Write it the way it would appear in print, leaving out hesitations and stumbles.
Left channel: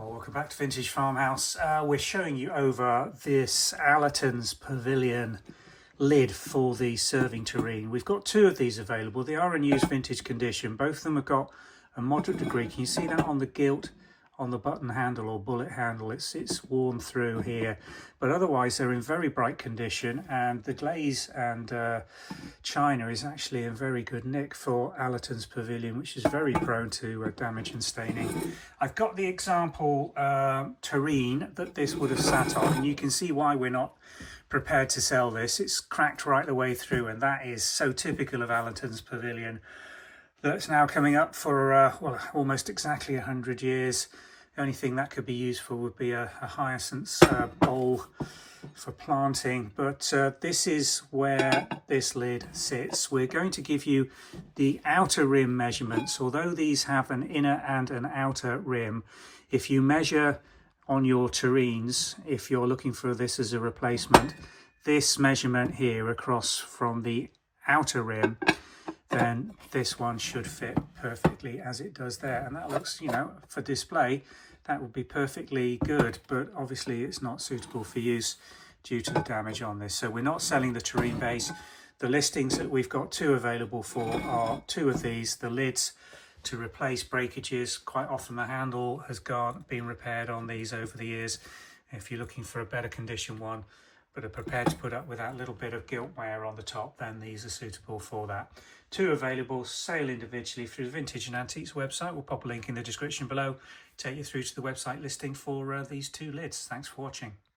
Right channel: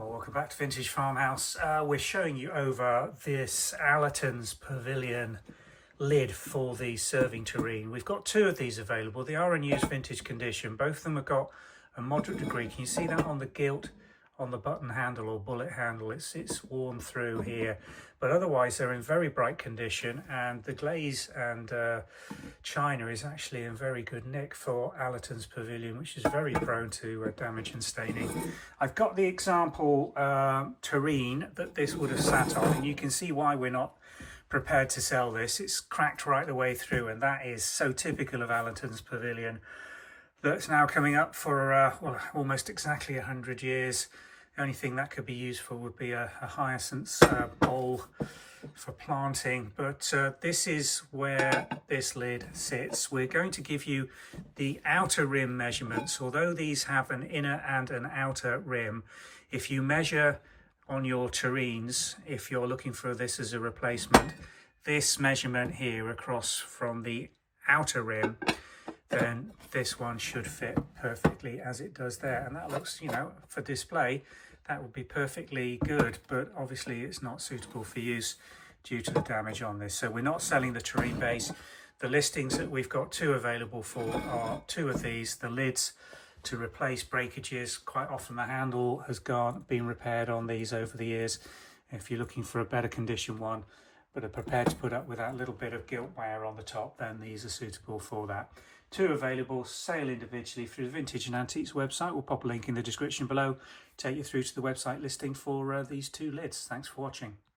Well, welcome back to Vintage Farmhouse. We're showing you over this Allertons Pavilion lid for the serving tureen. We've got two of these available. They are in used vintage condition. Both of them have got a moderate degree. Can you see that on the gilt, on the button handle or bullet handle? It's worn through here, but otherwise they're in very bright condition, and the glaze and china is actually in very good nick for Allertons Pavilion, which is very prone to damage and staining. I've got the example tureen that this would have sat on, and you can see why we're not prepared to sell this. It's cracked right the way through, and that is so typical of Allertons Pavilion. That's now coming up for well, almost exactly 100 years. The only thing that could be used for would be a hyacinth bowl for planting, but this is where this lid sits. We're going to give you the outer rim measurements. Although these have an inner and an outer rim, if you measure on your tureens, if you're looking for this as a replacement, this measurement here across from the outer rim, then this one should fit perfectly as it does there. And that looks, you know, for display, that would be perfectly good, but obviously it's not suitable for use due to the damage on this. So we're not selling the tureen base. The listings that we've got two available for are two of these, the lids to replace breakages. Quite often the handle has been repaired on these over the years. If you're looking for a better condition one, but are prepared to put up with that little bit of gilt wear on the top, then these are suitable for that. Two available, sale individually through the Vintage and Antiques website. We'll pop a link in the description below, take you through to the website listing for these two lids. Thanks for watching.